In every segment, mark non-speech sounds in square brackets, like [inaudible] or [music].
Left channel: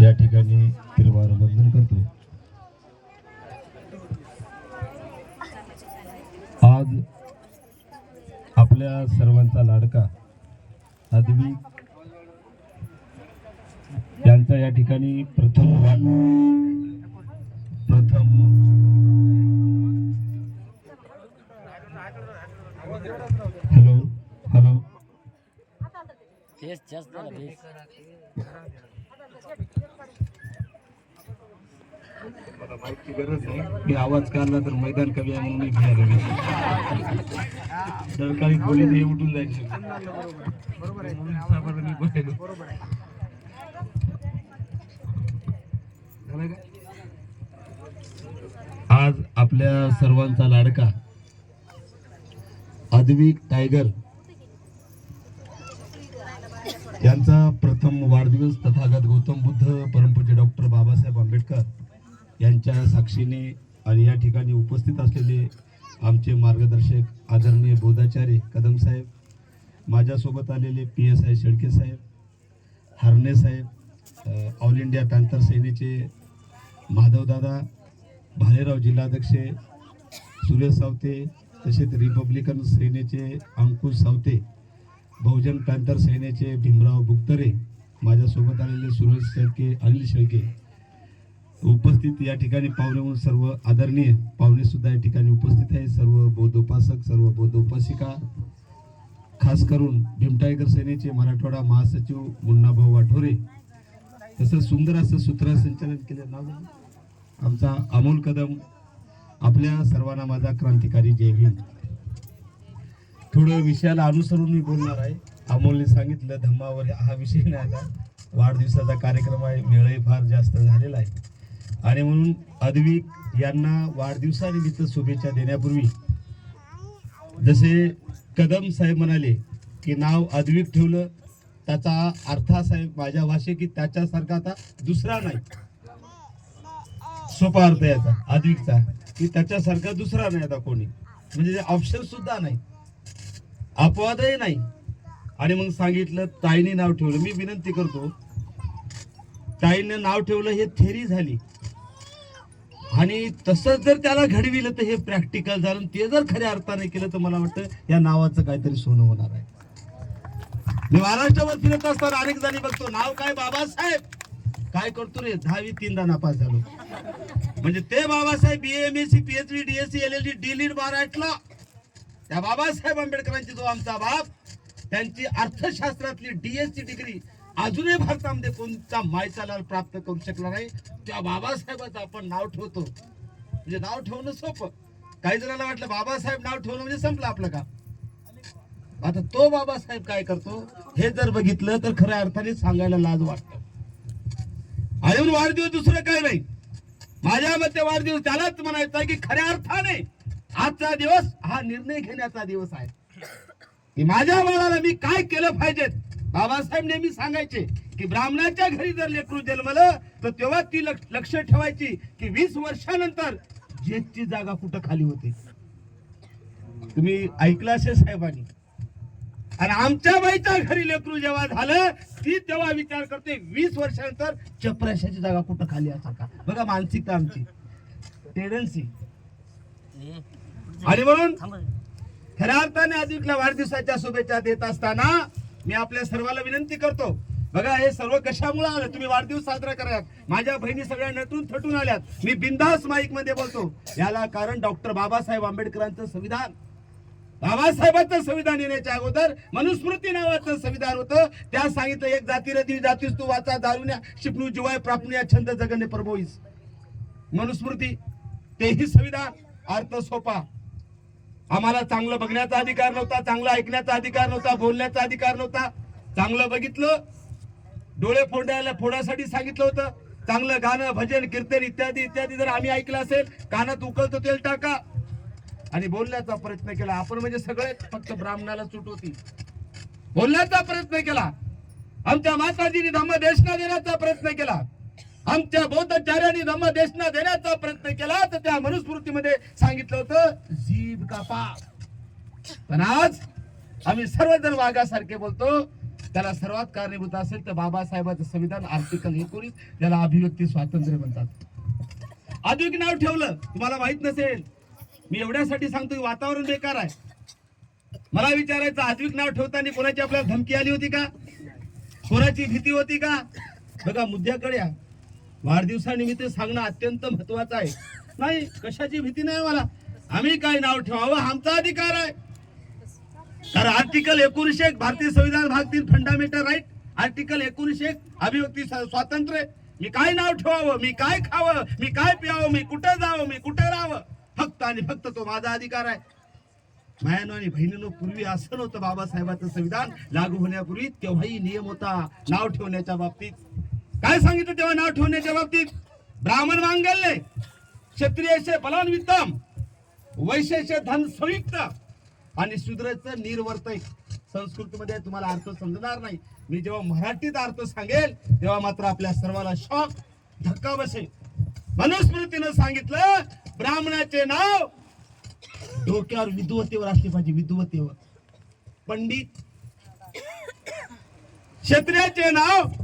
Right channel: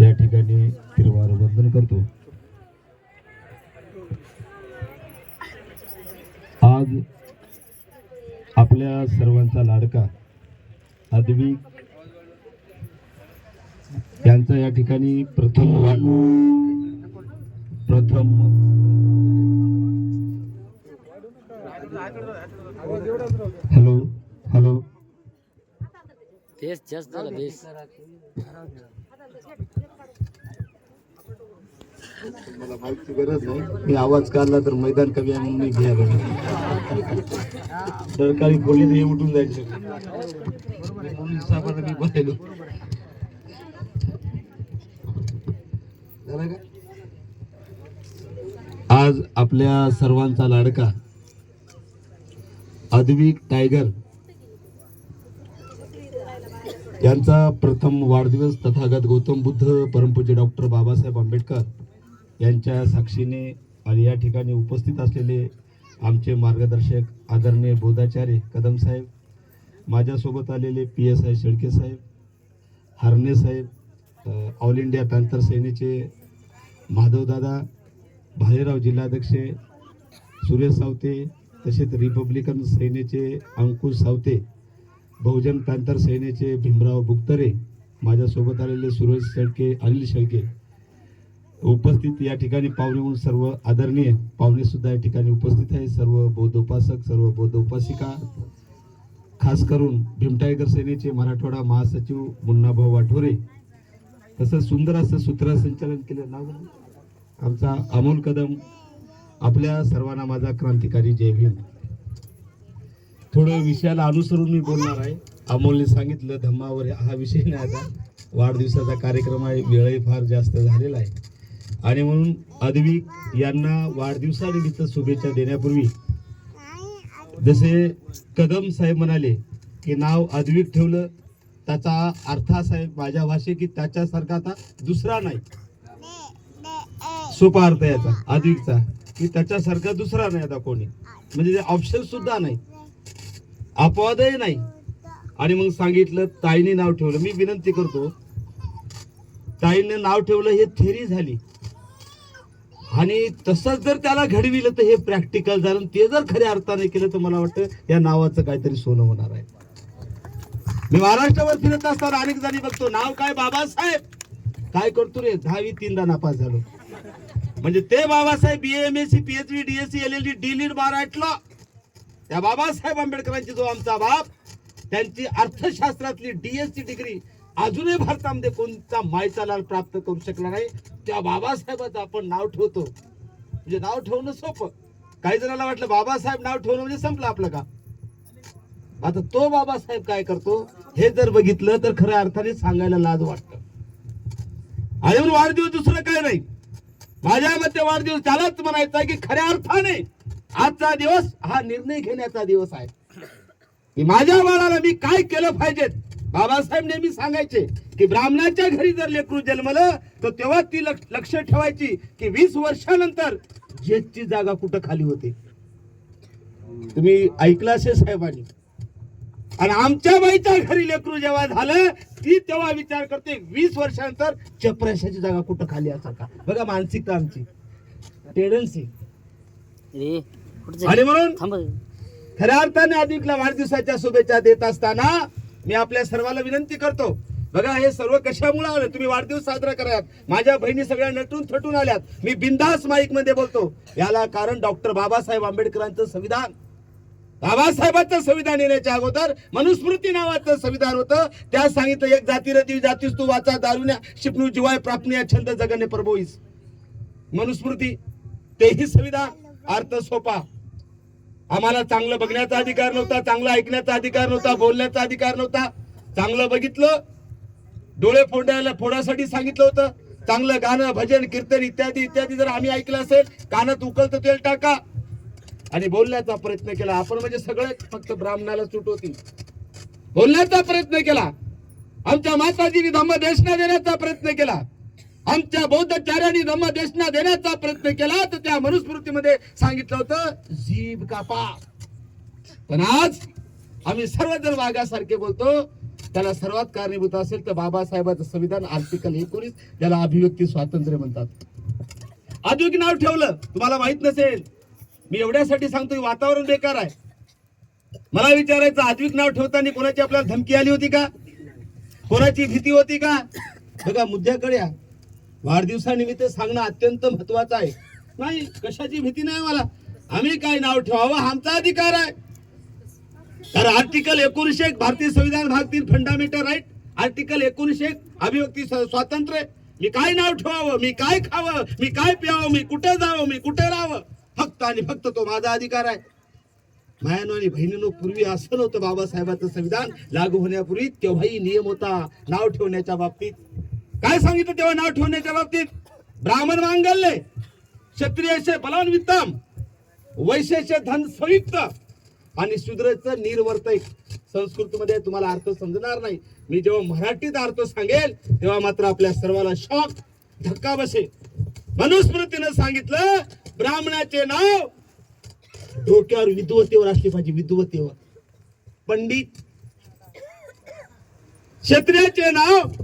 या ठिकाणी तिरवार वंदन करतो. आज आपल्या सर्वांचा लाडका अदवी यांचा या ठिकाणी प्रथम प्रथम. Hello hello. तेच जास्त झाला बेस मला माहिती गरज नाही मी आवाज काढला तर मैदान कमी आहे म्हणून मी घ्यायला सरकारी पोलीस हे उठून जायचे पोलीस साहेबांना मी बोलायलो. आज आपल्या सर्वांचा लाडका अद्विक टायगर यांचा प्रथम वाढदिवस तथागत गौतम बुद्ध परमपूज्य डॉक्टर बाबासाहेब आंबेडकर यांच्या साक्षीने आणि या ठिकाणी उपस्थित असलेले आमचे मार्गदर्शक आदरणीय बोधाचार्य कदम साहेब माझ्यासोबत आलेले पी एस आय शेळके साहेब हरणे साहेब ऑल इंडिया पॅन्थर सेनेचे माधवदादा भालेराव जिल्हाध्यक्ष सुरेश सावते तसेच रिपब्लिकन सेनेचे अंकुश सावते बहुजन पॅन्थर सेनेचे भीमराव बुक्तरे माझ्यासोबत आलेले सुरेश शेळके अनिल शेळके. उपस्थित या ठिकाणी पाहुणे म्हणून सर्व आदरणीय पाहुणे सुद्धा या ठिकाणी उपस्थित आहे. सर्व बौद्ध उपासक सर्व बौद्ध उपासिका खास करून भीमटायगर सेनेचे मराठवाडा महासचिव मुन्नाभाऊ वाठोरे तसंच सुंदर असं सूत्रसंचालन केलं नाव आमचा अमोल कदम आपल्या सर्वांना माझा क्रांतिकारी जय भीम थोडं विषयाला अनुसरून मी बोलणार आहे. अमोलने सांगितलं धम्मावर हा विषय नाही आता. वाढदिवसाचा कार्यक्रम आहे वेळही फार जास्त झालेला आहे. आणि म्हणून अद्विक यांना वाढदिवसानिमित्त शुभेच्छा देण्यापूर्वी जसे कदम साहेब म्हणाले की नाव अद्विक ठेवलं त्याचा अर्थ साहेब माझ्या भाषे की त्याच्यासारखा आता दुसरा नाही. सोपा अर्थ आहे याचा अद्विकचा की त्याच्यासारखा दुसरा नाही आता कोणी. म्हणजे ऑप्शन सुद्धा नाही. अपवादही नाही. आणि मग सांगितलं ताईने नाव ठेवलं. मी विनंती करतो ताईने नाव ठेवलं हे थेरी झाली. आणि तसंच जर त्याला घडविलं तर हे प्रॅक्टिकल झालं ते जर खऱ्या अर्थाने केलं तर मला वाटतं या नावाचं काहीतरी सोनं होणार आहे. मी महाराष्ट्रावर फिरत असताना अनेक जणी बघतो नाव काय बाबासाहेब? काय करतो रे? दहावी तीनदा नापास झालो. म्हणजे ते Babasaheb B M S C PhD DSc L L D D lead मराठला. त्या बाबासाहेब आंबेडकरांची जो आमचा बाप त्यांची अर्थशास्त्रातली डीएससी डिग्री अजूनही भारतामध्ये कोणता मायचा लाल प्राप्त करू शकला नाही. त्या बाबासाहेबाचं आपण नाव ठेवतो. म्हणजे नाव ठेवणं सोपं. काही जणांना वाटलं बाबासाहेब नाव ठेवणं म्हणजे संपलं आपलं का आता तो बाबासाहेब काय करतो? हे जर बघितलं तर खऱ्या अर्थाने सांगायला लाज वाटत. आणि वाढदिवस दुसरं काय नाही. माझ्या मते वाढदिवस त्यालाच म्हणायचा की खऱ्या अर्थाने आजचा दिवस हा निर्णय घेण्याचा दिवस आहे. की माझ्या मनाला मी काय केलं पाहिजेत? बाबासाहेब नेहमी सांगायचे की ब्राह्मणाच्या घरी जर लेकरू जन्मलं तर तेव्हा ती लक्ष ठेवायची की वीस वर्षानंतर जेथची जागा कुठं खाली होते. तुम्ही ऐकलं असेल साहेबांनी? आणि आमच्या बाईच्या घरी लेकरू जेव्हा झालं ती तेव्हा विचार करते वीस वर्षानंतर चपराशाची जागा कुठं खाली असा का? बघा मानसिकता आमची. टेंडन्सी. आणि म्हणून. खऱ्या अर्थाने अधिकला वाढदिवसाच्या शुभेच्छा देत असताना मी आपल्या सर्वांना विनंती करतो. बघा हे सर्व कशामुळे आलं? तुम्ही वाढदिवस साजरा करात. माझ्या बहिणी सगळ्या नटून थटून आल्यात. मी बिंदास माईकमध्ये बोलतो. याला कारण डॉक्टर बाबासाहेब आंबेडकरांचं संविधान. बाबासाहेबांचं संविधान येण्याच्या अगोदर मनुस्मृती नावाचं संविधान होतं. त्या सांगितलं एक जाती रती जातीस तू वाचा दारुण्या शिपणू जिवाय प्रापण्या छंद जगणे प्रभोईस. मनुस्मृती तेही संविधान. अर्थ सोपा. आम्हाला चांगलं बघण्याचा अधिकार नव्हता चांगलं ऐकण्याचा अधिकार नव्हता बोलण्याचा अधिकार नव्हता. चांगलं बघितलं डोळे फोडायला फोडासाठी सांगितलं होतं. चांगलं गाणं भजन कीर्तन इत्यादी इत्यादी जर आम्ही ऐकलं असेल कानात उकलतं तेल टाका. आणि बोलण्याचा प्रयत्न केला. आपण म्हणजे सगळे फक्त ब्राह्मणाला सूट होती. बोलण्याचा प्रयत्न केला. आमच्या माताजीने धम्म देशना देण्याचा प्रयत्न केला. आमच्या बौद्धाचार्यांनी धम्म देशना देण्याचा प्रयत्न केला तर त्या मनुस्मृतीमध्ये सांगितलं होतं जीभ कापा. पण आज आम्ही सर्वजण वाघासारखे बोलतो त्याला सर्वात कारणीभूत असेल तर बाबासाहेबांचं संविधान आर्टिकल एकोणीस त्याला अभिव्यक्ती स्वातंत्र्य म्हणतात. आधुनिक नाव ठेवलं तुम्हाला माहीत नसेल. मी एवढ्यासाठी सांगतो की वातावरण बेकार आहे. मला विचारायचं आधुनिक नाव ठेवताना कोणाची आपल्याला धमकी आली होती का? कोणाची भीती होती का? बघा मुद्द्याकडे वाढदिवसानिमित्त सांगणं अत्यंत महत्वाचं आहे. नाही कशाची भीती नाही मला आम्ही काय नाव ठेवावं? हा आमचा अधिकार आहे. तर आर्टिकल एकोणीशे एक भारतीय संविधान भाग तीन फंडामेंटल राईट आर्टिकल एकोणीशे एक अभिव्यक्ती स्वातंत्र्य. मी काय नाव ठेवावं? मी काय खावं? मी काय प्यावं? मी कुठं जावं? मी कुठे राहावं? फक्त आणि फक्त तो माझा अधिकार आहे. मायानो आणि बहिणीनो पूर्वी असं नव्हतं बाबासाहेबांचं संविधान लागू होण्यापूर्वी तेव्हाही नियम होता. नाव ठेवण्याच्या बाबतीत. काय सांगितलं तेव्हा नाव ठेवण्याच्या बाबतीत? ब्राह्मण मांगल्य क्षत्रियचे बलान्वितम वैश्याचे धन संयुक्त आणि शूद्राचं निर्वर्तक. संस्कृतमध्ये तुम्हाला अर्थ समजणार नाही. मी जेव्हा मराठीत अर्थ सांगेल तेव्हा मात्र आपल्या सर्वाला शॉक धक्का बसेल. मनुस्मृतीनं सांगितलं ब्राह्मणाचे नाव डोक्यावर विद्वतेवर असली पाहिजे विद्वतेवर पंडित क्षत्रियाचे नाव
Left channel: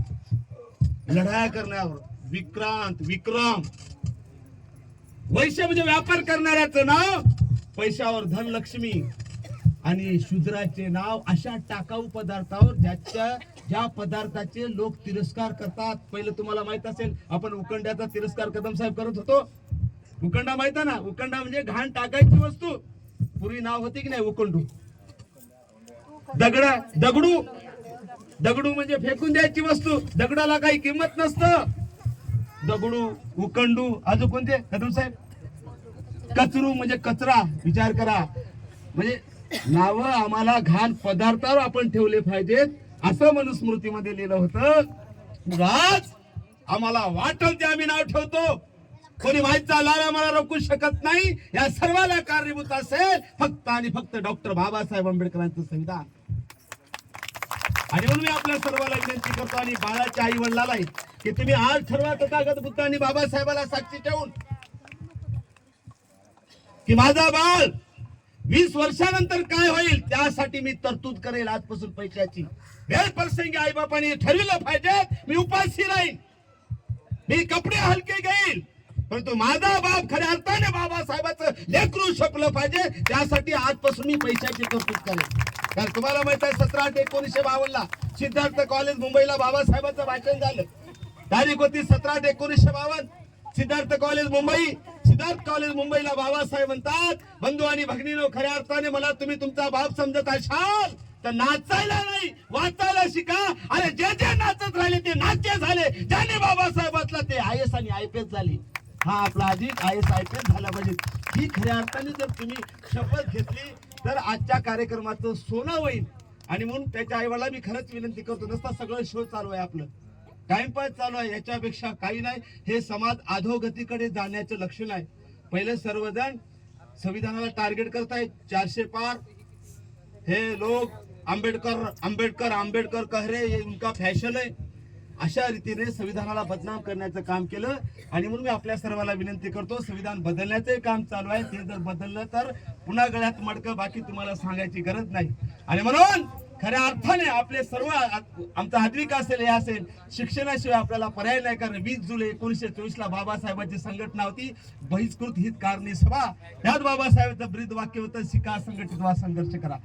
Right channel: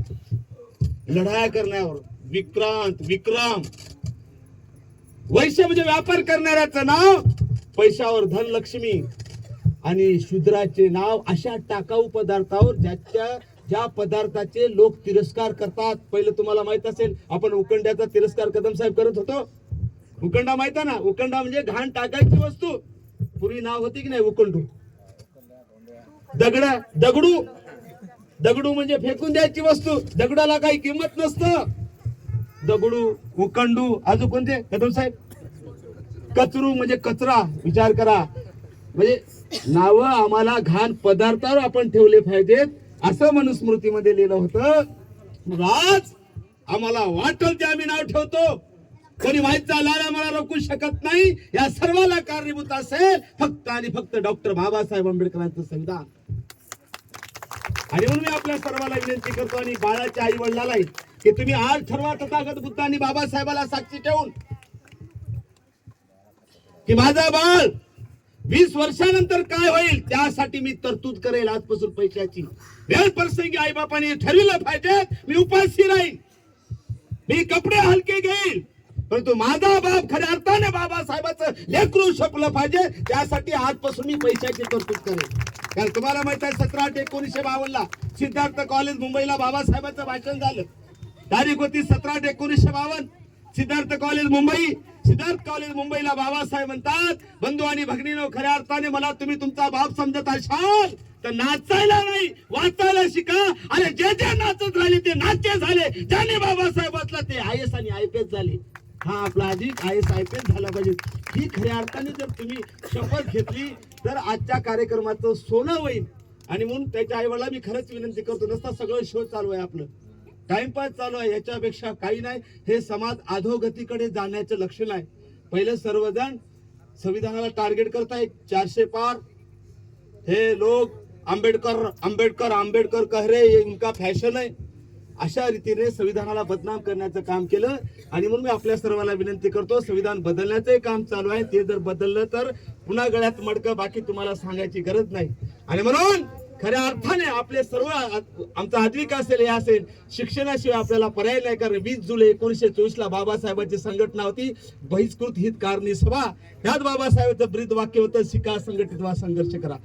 लढाया करण्यावर विक्रांत विक्रम. वैश्य म्हणजे व्यापार करणाऱ्याचं नाव पैशावर धनलक्ष्मी. आणि शूद्राचे नाव अशा टाकाऊ पदार्थावर ज्याच्या ज्या पदार्थाचे लोक तिरस्कार करतात. पहिलं तुम्हाला माहीत असेल आपण उकंड्याचा तिरस्कार कदम साहेब करत होतो. उकंडा माहीत ना? उकंडा म्हणजे घाण टाकायची वस्तू. पूर्वी नाव होती की नाही? उकंडू. दगडा दगडू. दगडू म्हणजे फेकून द्यायची वस्तू. दगडाला काही किंमत नसतं. दगडू उकंडू अजून कोणते? कदम साहेब. कचरू म्हणजे कचरा विचार करा. म्हणजे नाव आम्हाला घाण पदार्थावर आपण ठेवले पाहिजेत असं मनुस्मृतीमध्ये लिहिलं होतं. आज आम्हाला वाटल ते आम्ही नाव ठेवतो. कोणी व्हायचा लाल आम्हाला रोखू शकत नाही. या सर्वाला कारणीभूत असेल. फक्त आणि फक्त डॉक्टर बाबासाहेब आंबेडकरांचं संविधान. आणि म्हणून मी आपल्या सर्वांना विनंती करतो आणि बाळाच्या आई वडिलालाही की तुम्ही आज ठरवा तथागत बुद्ध आणि बाबासाहेबाला साक्षी ठेवून की माझा बाळ वीस वर्षानंतर काय होईल त्यासाठी मी तरतूद करेल. आजपासून पैशाची वेळ प्रसंगी आई बापाने ठरविलं पाहिजे मी उपाशी राहीन. मी कपडे हलके घेईल परंतु माझा बाप खऱ्या अर्थाने बाबासाहेबाचं लेकरू शकलं पाहिजे त्यासाठी आजपासून मी पैशाची तरतूद करेल. कारण तुम्हाला माहीत आहे सतरा आठ एकोणीसशे बावन्नला सिद्धार्थ कॉलेज मुंबईला बाबासाहेबांचं भाषण झालं. तारीख होती सतरा आठ एकोणीसशे बावन्न. सिद्धार्थ कॉलेज मुंबई सिद्धार्थ कॉलेज मुंबईला बाबासाहेब म्हणतात बंधू आणि भगिनीनो खऱ्या अर्थाने मला तुम्ही तुमचा बाप समजत असाल तर नाचायला नाही वाचायला शिका अरे जे जे नाचत राहिले ते नाचे झाले. ज्याने बाबासाहेबातला ते आय एस आणि आय पी एस झाले. हा आपला अधिक I S I P S झाला पाहिजे. ही खऱ्या अर्थाने जर तुम्ही शपथ घेतली तर आजच्या कार्यक्रमाचं सोनं होईल. आणि म्हणून त्याच्या आईवाला मी खरंच विनंती करतो नसता सगळं शो चालू आहे आपलं. टाइमपास चालू आहे याच्यापेक्षा काही नाही. हे समाज अधोगतीकडे जाण्याचं लक्षण आहे. पहिले सर्वजण संविधानाला टार्गेट करतायत चारशे पार. हे लोग आंबेडकर आंबेडकर आंबेडकर कह रहे ये उनका फॅशन आहे. अशा रीतीने संविधानाला बदनाम करण्याचं काम केलं. आणि म्हणून मी आपल्या सर्वांना विनंती करतो संविधान बदलण्याचं काम चालू आहे. ते जर बदललं तर पुन्हा गळ्यात मडकं बाकी तुम्हाला सांगायची गरज नाही. आणि म्हणून खऱ्या अर्थाने आपले सर्व आमचा आद्विक असेल हे असेल शिक्षणाशिवाय आपल्याला पर्याय नाही. कारण वीस जुलै एकोणीसशे चोवीस ला बाबासाहेबांची संघटना होती. बहिष्कृत हित कारणी सभा. त्यात बाबासाहेबांचं ब्रीद वाक्य होतं शिका संघटित वा संघर्ष करा.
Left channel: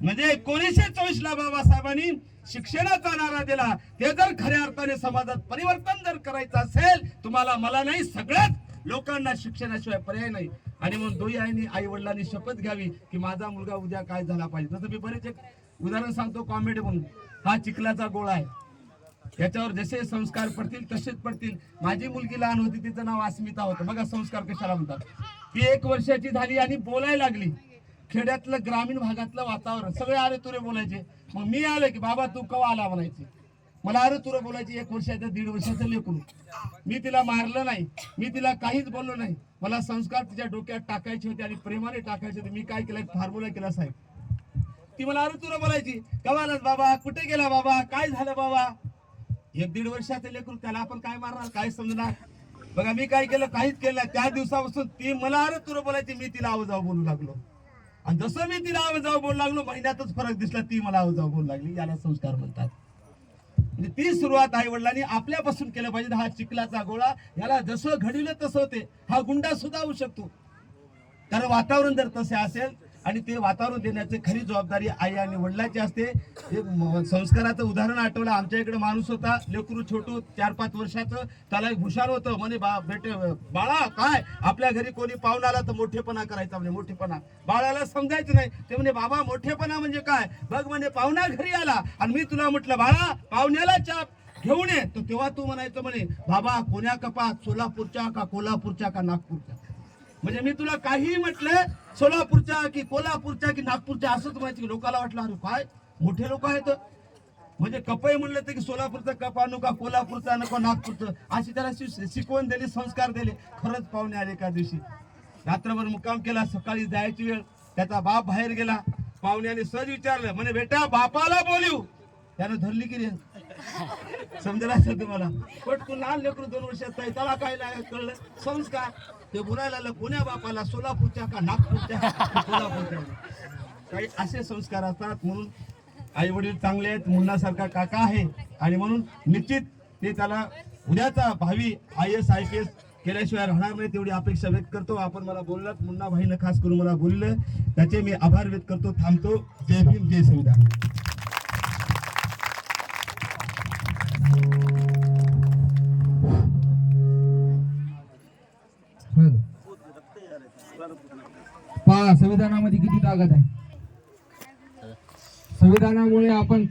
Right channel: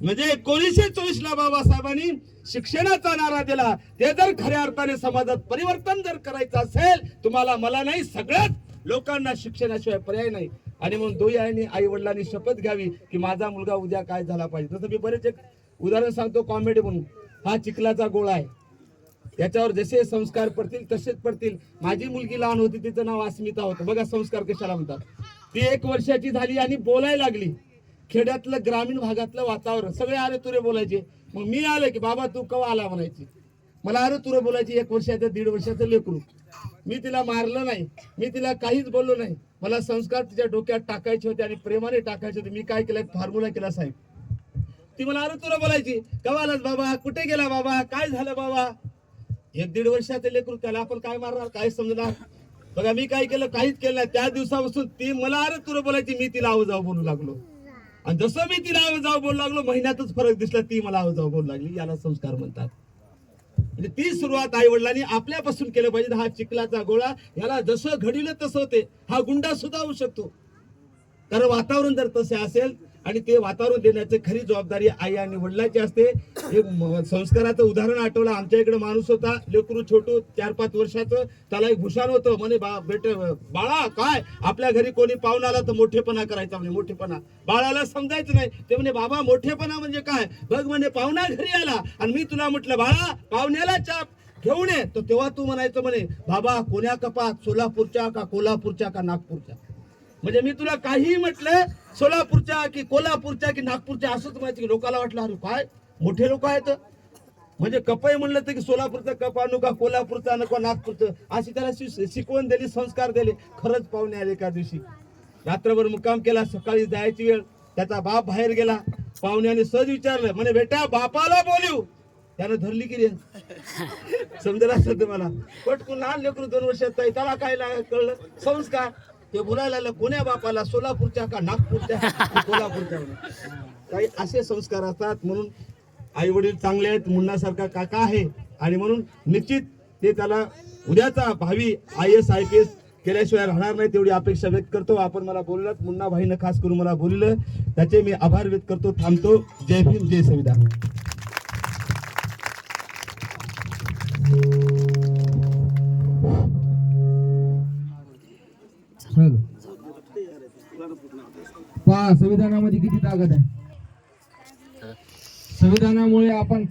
म्हणजे एकोणीसशे चोवीस ला बाबासाहेबांनी शिक्षणाचा नारा दिला. ते जर खऱ्या अर्थाने समाजात परिवर्तन जर करायचं असेल तुम्हाला मला नाही सगळ्याच लोकांना शिक्षणाशिवाय पर्याय नाही. आणि म्हणून दोही आईने आई वडिलांनी शपथ घ्यावी की माझा मुलगा उद्या काय झाला पाहिजे. तसं मी बरेच एक उदाहरण सांगतो कॉमेडी म्हणून. हा चिखलाचा गोळा आहे. याच्यावर जसे संस्कार पडतील तसेच पडतील. माझी मुलगी लहान होती तिचं नाव अस्मिता होतं. बघा संस्कार कशाला म्हणतात. ती एक वर्षाची झाली आणि बोलायला लागली. खेड्यातलं ग्रामीण भागातलं वातावरण सगळे अरे तुरे बोलायचे. मग मी आलं की बाबा तू कवा आला? म्हणायची. मला अरे तुरे बोलायची एक वर्षाचं दीड वर्षाचं लेकरू. मी तिला मारलं नाही. मी तिला काहीच बोललो नाही. मला संस्कार तिच्या डोक्यात टाकायचे होते आणि प्रेमाने टाकायचे होते. मी काय केलं? फॉर्म्युला केला साहेब. ती मला अरे तुला बोलायची. कवालाच बाबा? कुठे गेला बाबा? काय झालं बाबा? एक दीड वर्षाचं लेकरू त्याला आपण काय मारणार? काय समजणार? बघा मी काय केलं? काहीच केलं नाही. त्या दिवसापासून ती मला अरे तुला बोलायची. मी तिला आव जाऊ बोलू लागलो. आणि जसं मी तिला आव जाऊ बोलू लागलो महिन्यातच फरक दिसला ती मला आव बोलू लागली. याला संस्कार म्हणतात. म्हणजे ती सुरुवात आई वडिलांनी आपल्यापासून केलं पाहिजे. हा चिखलाचा गोळा याला जसं घडवलं तसं होते हा गुंडा सुद्धा होऊ शकतो. कारण वातावरण जर तसे असेल आणि ते वातावरण देण्याची खरी जबाबदारी आई आणि वडिलांची असते. एक संस्काराचं उदाहरण आठवलं. आमच्या इकडे माणूस होता लेकरू छोटू चार पाच वर्षाचं. त्याला एक भूषण होतं. म्हणे बा बेट बाळा काय? आपल्या घरी कोणी पाहुणा आला तर मोठेपणा करायचा म्हणजे मोठेपणा. बाळाला समजायचं नाही. ते म्हणे बाबा मोठेपणा म्हणजे काय? बघ म्हणे पाहुणा घरी आला आणि मी तुला म्हटलं बाळा पाहुण्याला चाप घेऊन ये. तर तेव्हा तू म्हणायचं म्हणे बाबा कोण्या कपात? सोलापूरच्या का कोल्हापूरच्या का नागपूरच्या? म्हणजे मी तुला काहीही म्हटलं सोलापूरच्या की कोल्हापूरच्या की नागपूरच्या असंच माहिती लोकांना वाटलं अरे काय? मोठे लोक आहेत. म्हणजे कपय म्हणलं तर की सोलापूरचा कप आणू का कोल्हापूरचा आणू का नागपूरचं? अशी त्याला शिकवण दिली संस्कार दिले. खरंच पाहुणे आले एका दिवशी. रात्रभर मुक्काम केला सकाळी जायची वेळ. त्याचा बाप बाहेर गेला. पाहुण्याने सहज विचारलं म्हणे बेटा बापाला बोलू. त्याने धरली की रे. समजेल असेल तुम्हाला. पटकून लहान लेकरू दोन वर्षात त्याला काय कळलं? संस्कार. ते बोलायला लागलं कोण्या बापाला? सोलापूरच्या का नागपूरच्या? [laughs] कोल्हापूरच्या काही असे संस्कार असतात म्हणून आई वडील चांगले आहेत मुन्नासारखा काका आहे. आणि म्हणून निश्चित ते त्याला उद्याचा भावी I S I P S केल्याशिवाय राहणार नाही तेवढी अपेक्षा व्यक्त करतो. आपण मला बोललात मुन्ना भाईनं खास करून मला बोललं. त्याचे मी आभार व्यक्त करतो थांबतो. जय भीम जय संविधान. पहा संविधानामध्ये किती ताकद आहे. संविधानामुळे आपण